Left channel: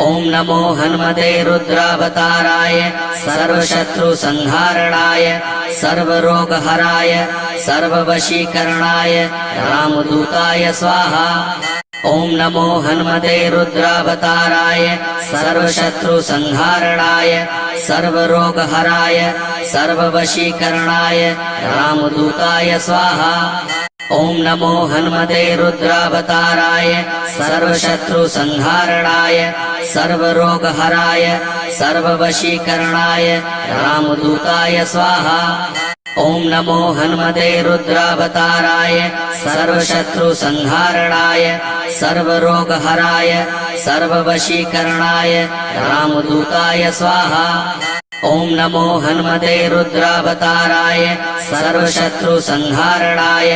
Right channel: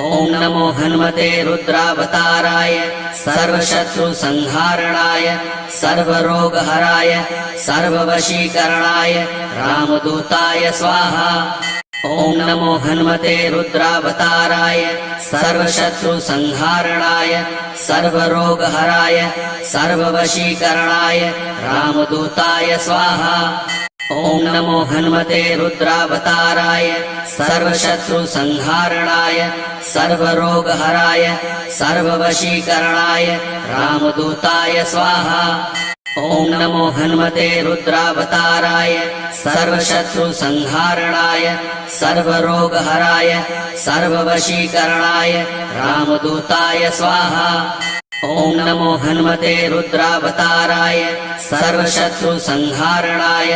ओम नमो हनुमते रुद्रावताराय सर्वशत्रुसंहारणाय सर्वरोगहराय सर्ववशीकरणाय रामदूताय स्वाहा। ओम नमो हनुमते रुद्रावताराय सर्वशत्रुसंहारणाय सर्वरोगहराय सर्ववशीकरणाय रामदूताय स्वाहा। ओम नमो हनुमते रुद्रावताराय सर्वशत्रुसंहारणाय सर्वरोगहराय सर्ववशीकरणाय रामदूताय स्वाहा। ओम नमो हनुमते रुद्रावताराय सर्वशत्रुसंहारणाय सर्वरोगहराय सर्ववशीकरणाय रामदूताय स्वाहा। ओम नमो हनुमते रुद्रावताराय सर्वशत्रुसंहारणाय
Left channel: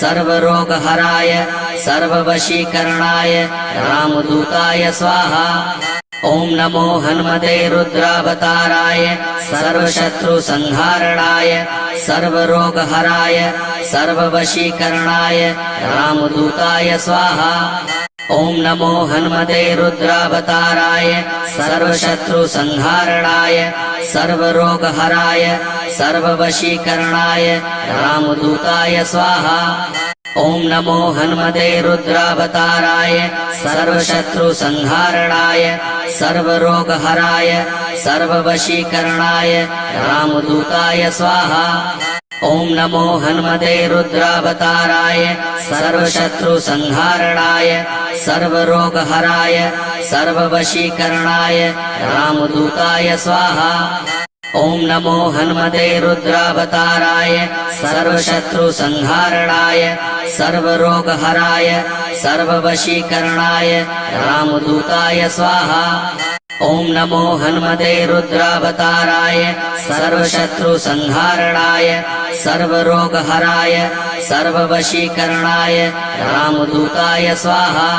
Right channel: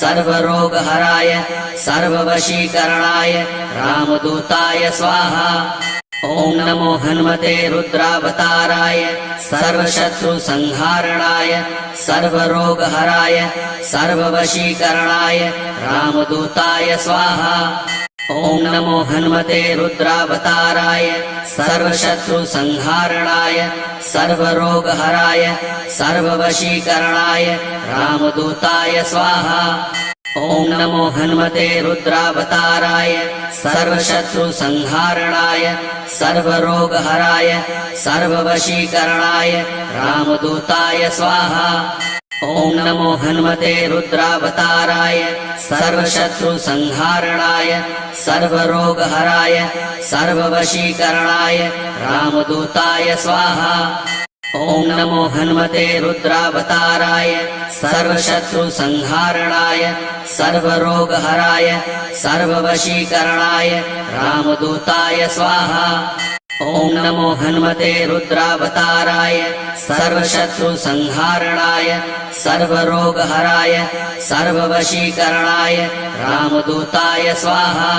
सर्वरोगहराय सर्ववशीकरणाय रामदूताय स्वाहा। ओम नमो हनुमते रुद्रावताराय सर्वशत्रुसंहारणाय सर्वरोगहराय सर्ववशीकरणाय रामदूताय स्वाहा। ओम नमो हनुमते रुद्रावताराय सर्वशत्रुसंहारणाय सर्वरोगहराय सर्ववशीकरणाय रामदूताय स्वाहा। ओम नमो हनुमते रुद्रावताराय सर्वशत्रुसंहारणाय सर्वरोगहराय सर्ववशीकरणाय रामदूताय स्वाहा। ओम नमो हनुमते रुद्रावताराय सर्वशत्रुसंहारणाय सर्वरोगहराय सर्ववशीकरणाय रामदूताय स्वाहा। ओम नमो हनुमते रुद्रावताराय सर्वशत्रुसंहारणाय सर्वरोगहराय सर्ववशीकरणाय रामदूताय स्वाहा। ओम नमो हनुमते रुद्रावताराय सर्वशत्रुसंहारणाय सर्वरोगहराय सर्ववशीकरणाय रामदूताय स्वाहा।